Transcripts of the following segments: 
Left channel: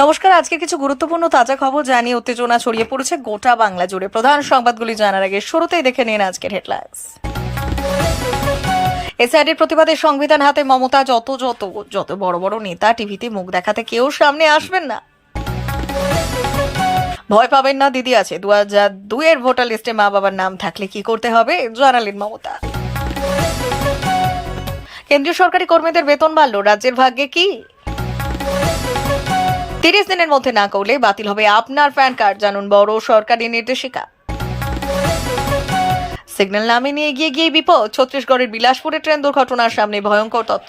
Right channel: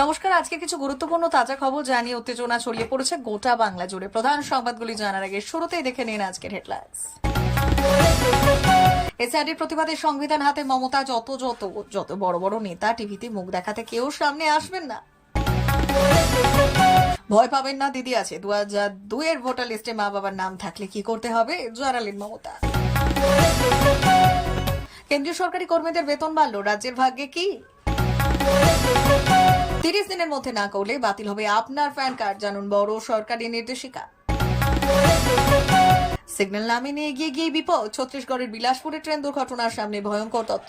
নমস্কার। আজকে কিছু গুরুত্বপূর্ণ তাজা খবর জানিয়ে উত্তেজনা ছড়িয়ে পড়েছে গোটা বাংলা জুড়ে। প্রধান সংবাদগুলি জানার আগে শুরুতেই দেখে নিন আজকের হেডলাইন্স। এসআইডির প্রতিবাদে সংবিধান হাতে মমতা, যত যত যত বড় বড় নেতা টিভিতে মুখ দেখাতে কেউ সামনে আসবেন না। ভয় পাবেন না, দিদি আছে। 2002 এর ভোটার লিস্টে মা বাবার নাম থাকলে কি করতে হবে জানালেন মমতা। কেন্দ্রীয় সরকারি কর্মীদের বেতন বাড়ল, রাজ্যের ভাগ্যে কি? 30 দিনের মধ্যে না করলে বাতিল হবে আপনার প্যান কার্ড, জানুন বড় সরকারি নির্দেশিকা। সিগন্যাল নামে নিয়ে গিয়ে বিপদ, ছত্তিশগড়ের বিলাসপুরে ট্রেন দুর্ঘটনার সামনে ভয়ঙ্কর তথ্য।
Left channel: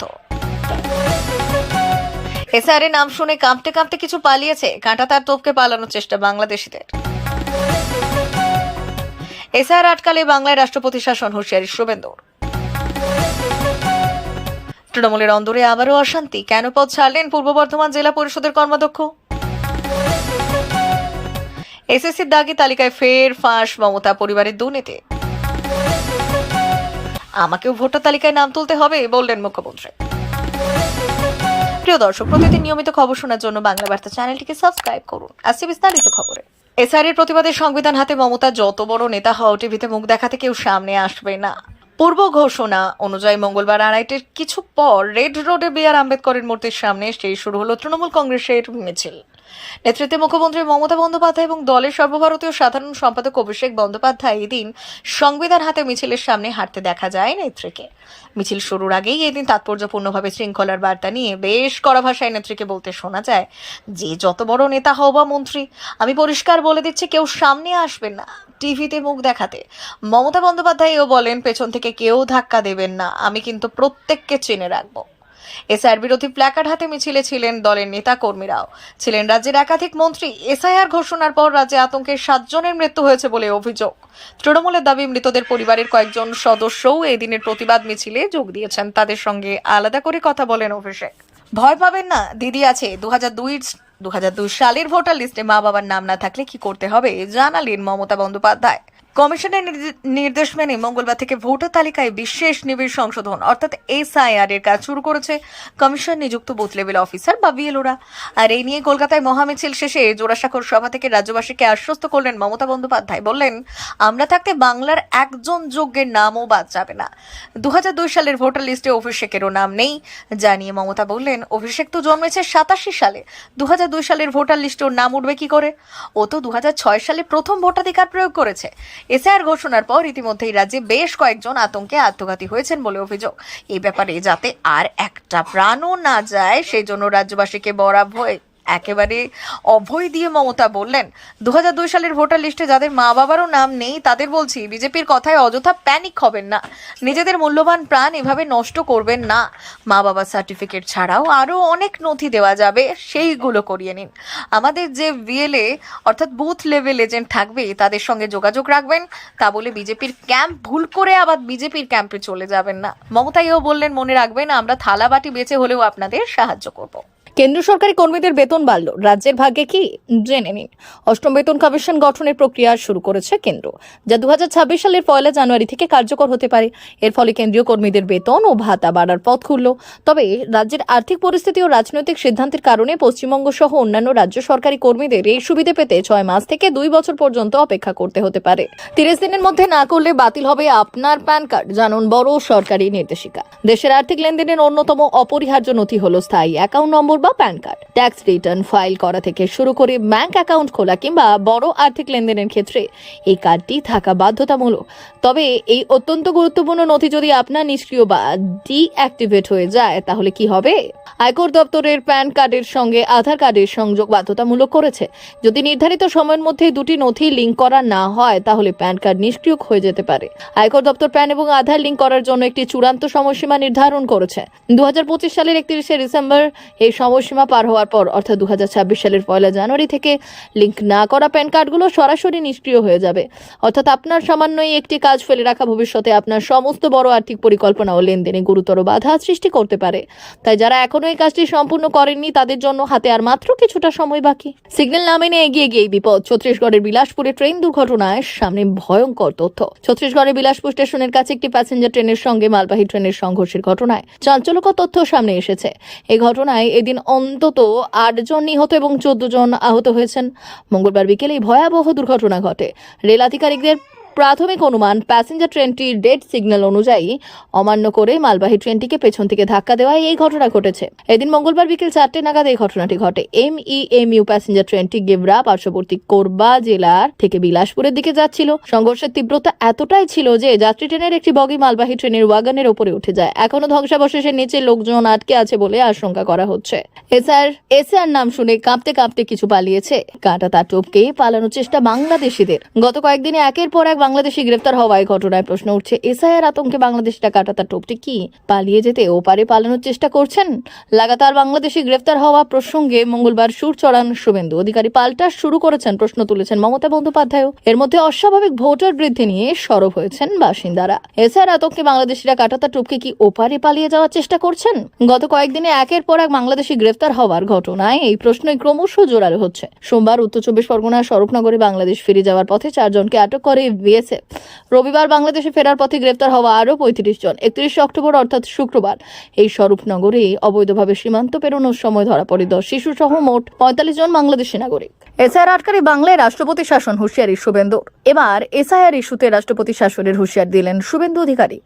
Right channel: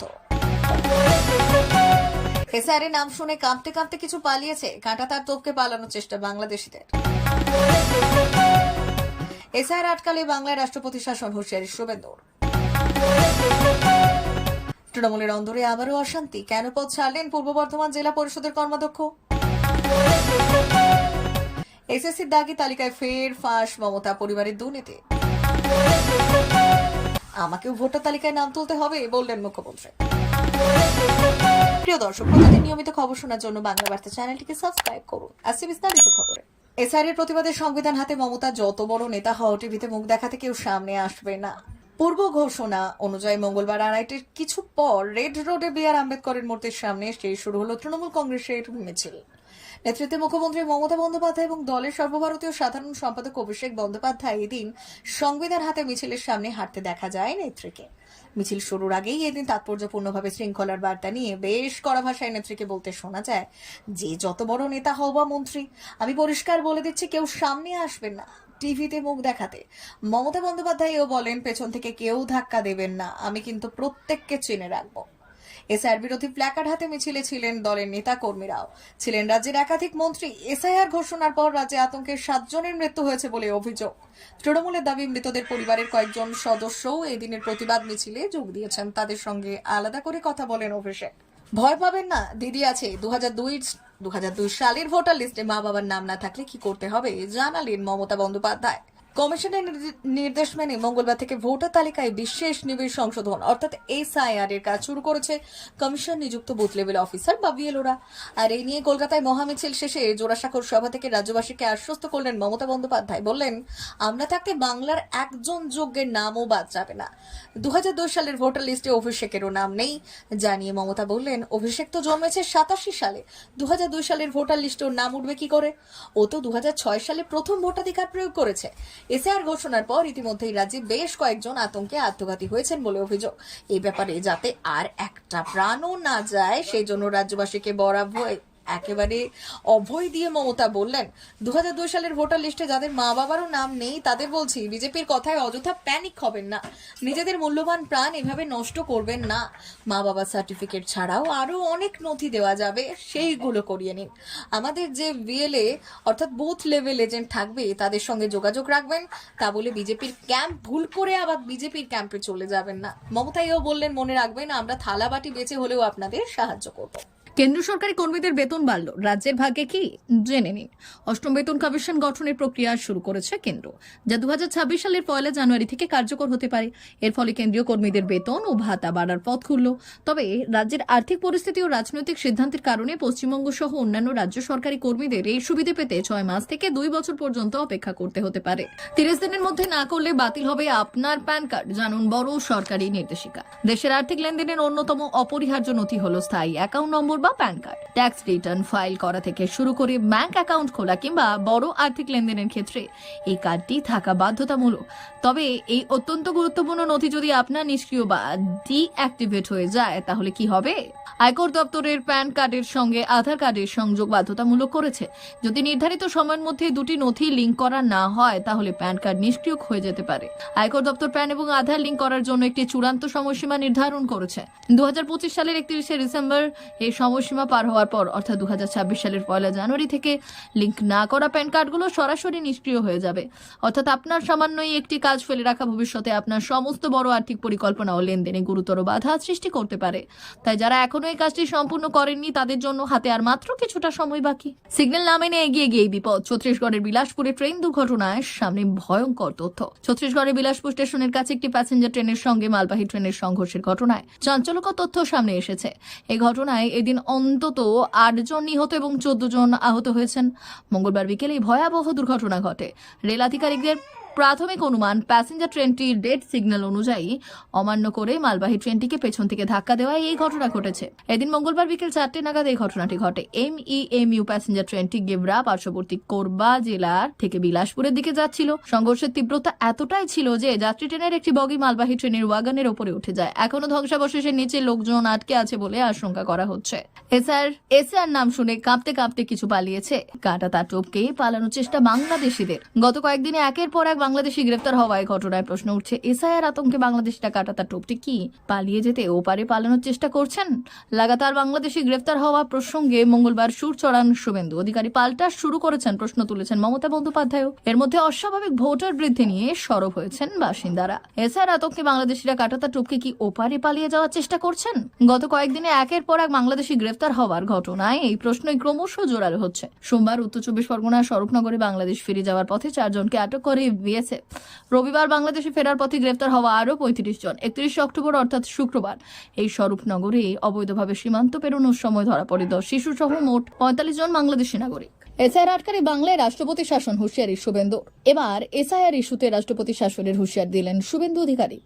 এসআর এর নাম শুনে কাঁপতে কাঁপতে কিছু পালিয়েছে, কাঁটা তার তোপকে পালানোর চেষ্টা বাংলাদেশিদের। এসআর আটকালে বাংলায় রাষ্ট্রপতি শাসন, হুঁশিয়ারি শুভেন্দুর। তৃণমূলের অন্দরে আবারও অশান্তি, কেন পদ ছাড়লেন পূর্ব বর্ধমান জেলা পরিষদের কর্মাধ্যক্ষ? এসএসসির দাগি তালিকায় ফের ফাঁস মমতা পরিবারের দুর্নীতি। আমাকেও ভোটার তালিকায় নাম তুলতে হবে বললেন মুখ্যমন্ত্রী। প্রিয় দর্শক, প্রতিদিন নিয়মিত খবর শোনার জন্য বাংলা বার্তা চ্যানেলটিকে সাবস্ক্রাইব করুন। আসছে বিস্তারিত খবরে। এসআর এর প্রতিবাদে সংবিধান হাতে মমতা, যত বড় নেতা হও টিভিতে মুখ দেখাতে কেউ সামনে আসবে না। পূর্ব ঘোষণা অনুযায়ী মঙ্গলবার আড়াইটের কিছু পর রেড রোডে বি আর আম্বেদকরের মূর্তির সামনে সেই শুরু হলো তৃণমূল কংগ্রেসের মিছিল। নেতৃত্বে মুখ্যমন্ত্রী মমতা বন্দ্যোপাধ্যায় এবং দলের সর্বভারতীয় সাধারণ সম্পাদক অভিষেক বন্দ্যোপাধ্যায় এদিন সংবিধান হাতে মিছিলের সামনে হাঁটতে দেখা যায় নেত্রীকে। মিছিল শুরুর আগেই এদিন তাৎপর্যপূর্ণভাবে শৃঙ্খলার বার্তা নিয়ে বেশ কড়া ভাষায় নেত্রীকে বলতে শোনা যায় যে যত বড় নেতা হও বা মন্ত্রী, আমি পরিষ্কার বলে দিচ্ছি কেউ সামনে আসবেন না টিভিতে মুখ দেখাতে। মমতা বন্দ্যোপাধ্যায়ও বলেন, পেছন থেকে কেউ ধাক্কা দেবেন না, আমি কিন্তু প্রত্যেককে চিনে রাখবো। এসআইআর বিরোধী প্ল্যাকার্ড হাতে মিছিলে ছিলেন দলের নেতা কর্মীরাও, ছিলেন রাজ্যের একাধিক মন্ত্রী। এসআইআর ঘোষণার পর রাজ্যে আতঙ্কে 7 জনের মৃত্যু হয়েছে বলে অভিযোগ। তৃণমূলের দাবি, মৃতদের পরিবারের কয়েকজন সদস্যও এই দিনের প্রতিবাদ মিছিলে যোগ দিয়েছেন। তাদের সঙ্গে আলাদা করে কথা বলেন অভিষেক। ভয় পাবেন না, দিদি আছে। 2002 সালের ভোটার লিস্টে মা বাবার নাম না থাকলে কি করতে হবে জানালেন মমতা বন্দ্যোপাধ্যায়। কমিশনের নির্দেশ মেনে মঙ্গলবার থেকে ভোটার তালিকায় বিশেষ নিবিড় সংশোধন অর্থাৎ এসআইআর এর কাজ শুরু করেছে কমিশন নিযুক্ত বুথ লেভেল অফিসার বা বিএলওরা। আর এই নিয়ে কলকাতায় মহামিছিল শেষে জোড়াসাঁকোর সভা থেকে রাজ্যবাসীকে আশ্বস্ত করলেন মমতা বন্দ্যোপাধ্যায়। বললেন, আমরা থাকতে বাংলার একজন যোগ্যের নামও বাদ যাবে না। 2002 সালের ভোটার লিস্টে অভিষেকেরও নাম নেই জানিয়ে মমতা বললেন, অভিষেক তো জন্মেছে 87 সালে, 2002 সালের ভোটার লিস্টে ওর নাম উঠবে কি করে? ও তো 2006 সালে প্রথম ভোটাধিকার প্রয়োগ করেছে। এসআইআর ঘোষণার পর ইতিমধ্যেই রাজ্যে বেশ কয়েকজন আতঙ্কে আত্মঘাতী হয়েছেন বলে অভিযোগ। এই ব্যাপারে যাতে আর একটা প্রাণও না যায় সেই জন্য রাজ্যবাসীকে একেবারে অভয় দিয়ে মমতা বললেন, 2002 সালের ভোটার লিস্টে যাদের মা বাবারও নাম নেই তাদের বলছি, বিজেপির কথায় অযথা প্যানিক হবেন না, নিজেদের মূল্যবান প্রাণ এভাবে নষ্ট করবেন না। মা বাবার সার্টিফিকেট ছাড়াও আরও অনেক নথি দেওয়া যাবে, সেইগুলো করিয়ে নিন। আমাদের যে ভিএলএ অর্থাৎ বুথ লেভেল এজেন্ট থাকবে তাদের সঙ্গে যোগাযোগ রাখবেন। তা বলে বিজেপির ক্যাম্প ভুল করে আবার বিজেপির ক্যাম্পে চলে যাবেন না। মমতাইও বললেন, মনে রাখবেন আমরা থালা বাটি বেঁচে হলেও আপনাদের সাহায্য করব। কেন্দ্র সরকারি কর্মীদের বেতন বাড়ল, রাজ্যের ভাগ্যে কি জেনে নিন। অষ্টম বেতন কমিশন গঠনের প্রক্রিয়া শুরু করেছে কেন্দ্র, যা 2026 সালের 1 জানুয়ারি থেকে কার্যকর হতে পারে। এর ফলে কেন্দ্রীয় কর্মীদের বেতন ও ভাতা বাড়ার পথ খুলল। তবে রাজ্যের আর্থিক পরিস্থিতি ও রাজনৈতিক সিদ্ধান্তের কারণে পশ্চিমবঙ্গ সহ অন্যান্য রাজ্য সরকারি কর্মীদের এই সুবিধা পেতে 6 মাস থেকে 2 বছর পর্যন্ত অপেক্ষা করতে হতে পারে। 30 দিনের মধ্যে না করলে বাতিল হবে আপনার প্যান কার্ড, জানুন বড় সরকারি নির্দেশিকা। দেশের আর্থিক লেনদেনের অন্যতম অপরিহার্য নথি হলো স্থায়ী অ্যাকাউন্ট নম্বর বা pan card. Tax return file করা থেকে শুরু করে ব্যাংক অ্যাকাউন্ট খোলা কিংবা বড় আর্থিক লেনদেনের ক্ষেত্রে এই কার্ডটি থাকা বাধ্যতামূলক। তবে এই অত্যন্ত গুরুত্বপূর্ণ নথি যদি আপনার নিষ্ক্রিয় বা ডিঅ্যাক্টিভেট হয়ে যায় তাহলে কি হবে? আয়কর দপ্তরের প্যান কার্ডের সঙ্গে আধার কার্ডের সংযোগ বাধ্যতামূলক করেছে। যদি নির্ধারিত সময়ের মধ্যে দুটি নথি লিঙ্ক করা না হয় তাহলে প্যান কার্ড নিষ্ক্রিয় হয়ে যেতে পারে। আয়কর দপ্তর প্যান এবং আধার লিঙ্ক করার জন্য একটি চূড়ান্ত সময়সীমা নির্ধারণ করেছে। 2025 সালের 31শে ডিসেম্বর এই সময়সীমা পার হওয়ার পর অর্থাৎ 2026 সালের 1 জানুয়ারি থেকে লিঙ্ক না করা প্যান কার্ডগুলো সরাসরি নিষ্ক্রিয় হয়ে যাবে। অর্থাৎ আপনার সামান্যই একটি কাজ ফেলে রাখা ভবিষ্যতে আপনার সমস্ত বড় আর্থিক পরিকল্পনা ও লেনদেনে গুরুতর বাধা সৃষ্টি করতে পারে। তাই যারা এখনো এই কাজটি সম্পূর্ণ করেননি তাদের জন্য হাতে আর মাত্র কিছুটা সময় বাকি। সিগন্যাল না মেনে এগিয়ে গিয়ে বিপদ। ছত্তিশগড়ের বিলাসপুরে ট্রেন দুর্ঘটনায় সামনে ভয়ঙ্কর তথ্য। ছত্তিশগড়ের বিলাসপুর স্টেশনের কাছে একটি প্যাসেঞ্জার ট্রেনের সঙ্গে মালবাহী ট্রেনের সংঘর্ষের ঘটনায় চাঞ্চল্যকর তথ্য সামনে এসেছে। এই ঘটনায় এদিন অন্তত 8 জন নিহত এবং 14 জন আহত হয়েছেন। মঙ্গলবার বিকেলে এই ভয়াবহ দুর্ঘটনা ঘটে। রেল আধিকারিকদের প্রাথমিক অনুমান, প্যাসেঞ্জার ট্রেনটির ডেড সিগন্যাল অনুযায়ী অমান্য করে মালবাহী ট্রেনটিকে পেছন থেকে ধাক্কা দেওয়ায় এই ঘটনা ঘটেছে। এদিন মঙ্গলবার বিকেল 4টে নাগাদ এই ঘটনাটি ঘটে। MEMU প্যাসেঞ্জার ট্রেনটি গেভরা পার্শ্ববর্তী কোরবা জেলার থেকে বিলাসপুরের দিকে যাচ্ছিল। সংঘর্ষের তীব্রতা এতটাই ছিল যে যাত্রী ট্রেনের একটি বগি মালবাহী ট্রেনের ওয়াগনের উপরে উঠে যায়। এখনো ধ্বংসাবশেষের নিচে লোকজন আটকে আছে বলে আশঙ্কা করা হচ্ছে। এসআর নাম শুনে কাঁপতে কাঁপতে কিছু পালিয়েছে। কাঁটা তার টপকে পালানোর চেষ্টা বাংলাদেশিদের। গত কয়েকদিনে একের পর এক বাংলাদেশি গ্রেফতার হওয়ায় ঘটনায় প্রশ্ন উঠছে, এসআইআর আতঙ্কে বাংলাদেশিরা কাঁটাতার টোপটি কি পালিয়ে যেতে ওপারে পালানোর চেষ্টা করছেন? লাগাতার বাংলাদেশি গ্রেফতার হওয়া প্রসঙ্গে মঙ্গলবার সুর চড়ান শুভেন্দু অধিকারী। পাল্টা শুরু করেছেন, প্রশ্ন তুলেছেন মমতা বন্দ্যোপাধ্যায়ও। এর মধ্যে অস্বাভাবিক ভোটার বৃদ্ধি নিয়ে সরব হয়েছেন বাসিন্দারা। এসআইআর আতঙ্কে বাংলাদেশিরা কাঁটাতার টোপকে কি ওপারে পালিয়ে যাওয়ার চেষ্টা করছেন? গত কয়েকদিনে একের পর এক বাংলাদেশি গ্রেফতার হওয়ার ঘটনায় এই প্রশ্নই ক্রমশ জোরালো হচ্ছে। সোমবার উত্তর 24 পরগনার স্বরূপনগরে বাংলাদেশ ফিরে যাওয়ার পথে 4 জনকে আটক করে বিএসএফ। রবিবার বাংলাদেশে ফেরার পথে গ্রেফতার হওয়া আরও 35 জন। 31 অক্টোবর অর্থাৎ শুক্রবার এই স্বরূপনগরে অবৈধভাবে সীমান্ত পেরোনোর সময় ধরা পড়ে 10 শিশু সহ মোট 45 জন বাংলাদেশি নাগরিক। এসআইআর আটকারী বাংলায় রাষ্ট্রপতি শাসন, হুঁশিয়ারি শুভেন্দুর। এবার এসআইআর ইস্যুতে রাষ্ট্রপতি শাসনের হুঁশিয়ার দিলেন শুভেন্দু অধিকারী।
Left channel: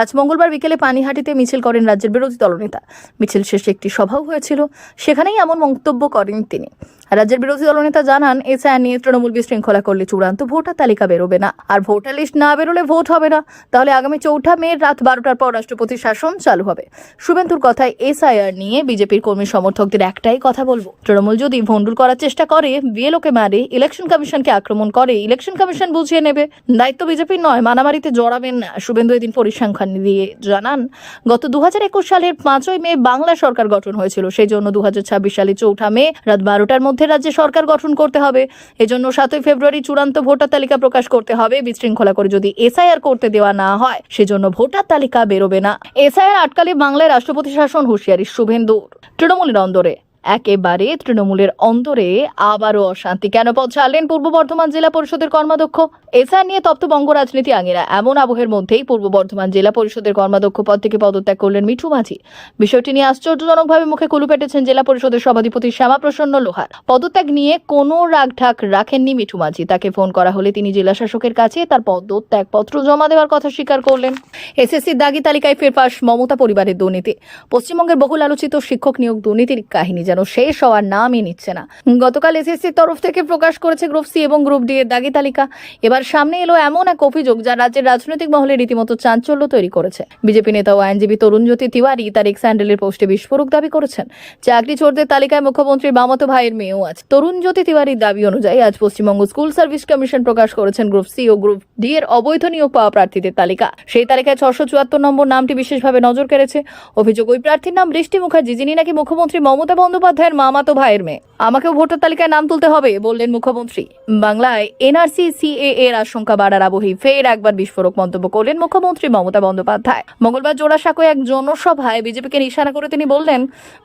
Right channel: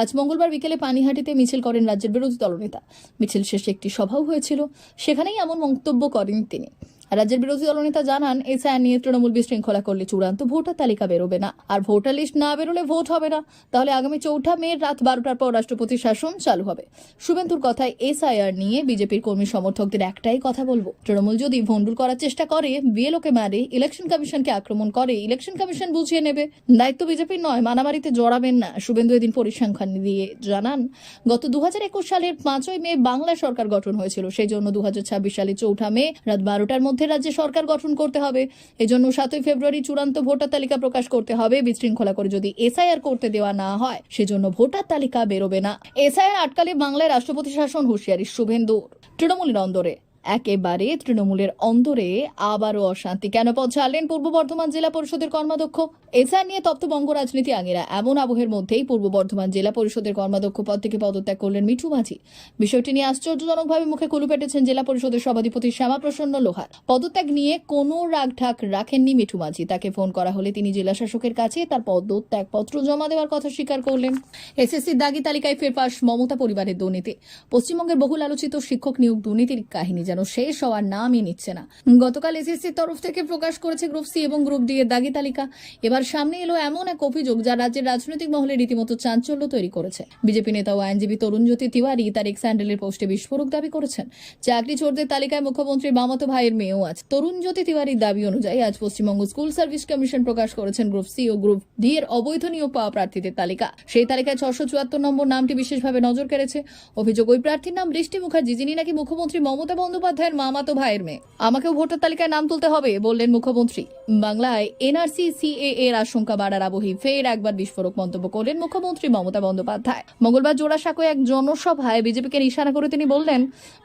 আজ মঙ্গলবার বিকেলে পানিহাটিতে মিছিল করেন রাজ্যের বিরোধী দলনেতা। মিছিল শেষে একটি সভাও হয়েছিল, সেখানেই এমন মন্তব্য করেন তিনি। রাজ্যের বিরোধী দলনেতা জানান, এসআইআর নিয়ে তৃণমূল বিশৃঙ্খলা করলে চূড়ান্ত ভোটার তালিকা বেরোবে না, আর ভোটার লিস্ট না বেরোলে ভোট হবে না। তাহলে আগামী 4 মে রাত 12টার পর রাষ্ট্রপতি শাসন চালু হবে। শুভেন্দুর কথায়, এসআইআর নিয়ে বিজেপির কর্মী সমর্থকদের একটাই কথা বলবো, তৃণমূল যদি ভণ্ডুল করার চেষ্টা করে, বিএলওকে মারে, ইলেকশন কমিশনকে আক্রমণ করে, ইলেকশন কমিশন বুঝিয়ে নেবে। দায়িত্ব বিজেপির নয়, মারামারিতে জড়াবেন না। শুভেন্দু এদিন পরিসংখ্যান দিয়ে জানান, গত 2021 সালের 5ই মে বাংলা সরকার গঠন হয়েছিল। সেই জন্য 2026 সালে 4 মে রাত 12টার মধ্যে রাজ্যে সরকার গঠন করতে হবে। এজন্য 7 ফেব্রুয়ারি চূড়ান্ত ভোটার তালিকা প্রকাশ করতে হবে। বিশৃঙ্খলা করে যদি এসআইআর করতে দেওয়া না হয়, সেজন্য ভোটার তালিকা বেরোবে না। এসআইআর আটকালে বাংলায় রাষ্ট্রপতি শাসন, হুঁশিয়ারি শুভেন্দুর। তৃণমূলের অন্দরে একেবারে তৃণমূলের অন্তরে আবারও অশান্তি। কেন পদ ছাড়লেন পূর্ব বর্ধমান জেলা পরিষদের কর্মাধ্যক্ষ? এসআইআর নিয়ে তপ্তবঙ্গ রাজনীতি আঙিনা। এমন আবহের মধ্যেই পূর্ব বর্ধমান জেলা পরিষদের কর্মাধ্যক্ষ পদ থেকে পদত্যাগ করলেন মিঠু মাঝি। বিষয়টি নিয়ে আশ্চর্যজনকভাবে মুখে কুলু পেটেছেন জেলা পরিষদের সভাধিপতি শ্যামাপ্রসন্ন লোহার। পদত্যাগ নিয়ে কোনো রাগঢাক রাখেননি মিঠু মাঝি। তাকে ফোন করা হলে তিনি জেলা শাসকের কাছে তার পদত্যাগপত্র জমা দেওয়ার কথা স্বীকার করলেন। এসএসসির দাগি তালিকায় ফেরপাস মমতা পরিবারের দুর্নীতি। পশ্চিমবঙ্গের বহুল আলোচিত শিক্ষক নিয়োগ দুর্নীতির কাহিনী যেন শেষ হওয়ার নামই নিচ্ছে না। গতকাল এসএসসির তরফ থেকে প্রকাশ করেছে গ্রুপ সি এবং গ্রুপ ডি এর দাগি তালিকা। এবার সামনে এলো এমন এক অভিযোগ যা রাজ্যের রাজনৈতিক মহলে রীতিমতো চাঞ্চল্য তৈরি করেছে। বিজেপি নেতা ও আইনজীবী তরুণজ্যোতি তিওয়ারি তার এক্স হ্যান্ডেলের পোস্টে বিস্ফোরক দাবি করেছেন। চাকরি চোরদের তালিকায় মুখ্যমন্ত্রীর মামাতো ভাইয়ের মেয়েও আছে। তরুণজ্যোতি তিওয়ারির দাবি অনুযায়ী আজ পশ্চিমবঙ্গ স্কুল সার্ভিস কমিশন প্রকাশ করেছেন গ্রুপ সি ও গ্রুপ ডি এর অবৈধ নিয়োগ পাওয়া প্রার্থীদের তালিকা। সেই তালিকায় 674 নম্বর নামটি বিশেষভাবে নজর কেড়েছে। অভিযোগ, ওই প্রার্থীর নাম বৃষ্টি মুখার্জি, যিনি নাকি মুখ্যমন্ত্রী মমতা বন্দ্যোপাধ্যায়ের মামাতো ভাইয়ের মেয়ে। আমাকেও ভোটার তালিকায় নাম তুলতে হবে, বললেন মুখ্যমন্ত্রী। বাংলায় এনআরসি সিএএ এর আশঙ্কা বাড়ার আবহেই ফের একবার বিস্ফোরক মন্তব্য করলেন মুখ্যমন্ত্রী মমতা বন্দ্যোপাধ্যায়। মঙ্গলবার জোড়াসাঁকোয় এক জনসভায় বিজেপিকে নিশানা করে তিনি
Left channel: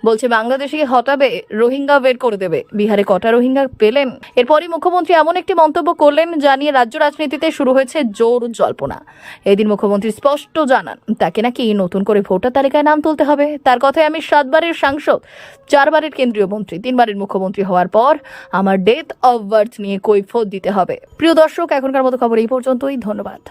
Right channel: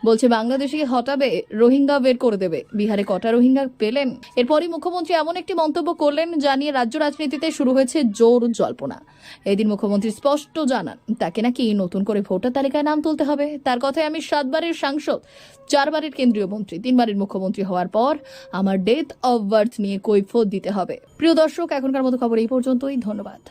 বলছে বাংলাদেশে হটাবে, রোহিঙ্গা বের করে দেবে। বিহারে কটা রোহিঙ্গা পেলেন? এরপরই মুখ্যমন্ত্রী এমন একটি মন্তব্য করলেন যা নিয়ে রাজ্য রাজনীতিতে শুরু হয়েছে জোর জল্পনা। এদিন মুখ্যমন্ত্রী স্পষ্ট জানান, তাকে নাকি নতুন করে ভোটার তালিকায় নাম তুলতে হবে। তার কথায়, আমি 7 বারের সাংসদ, 4 বারের কেন্দ্রীয় মন্ত্রী, 3 বারের মুখ্যমন্ত্রী হওয়ার পর আমার ডেট অফ বার্থ নিয়ে কৈফিয়ত দিতে হবে। প্রিয় দর্শক, এখনকার মতো খবর এই পর্যন্তই। ধন্যবাদ।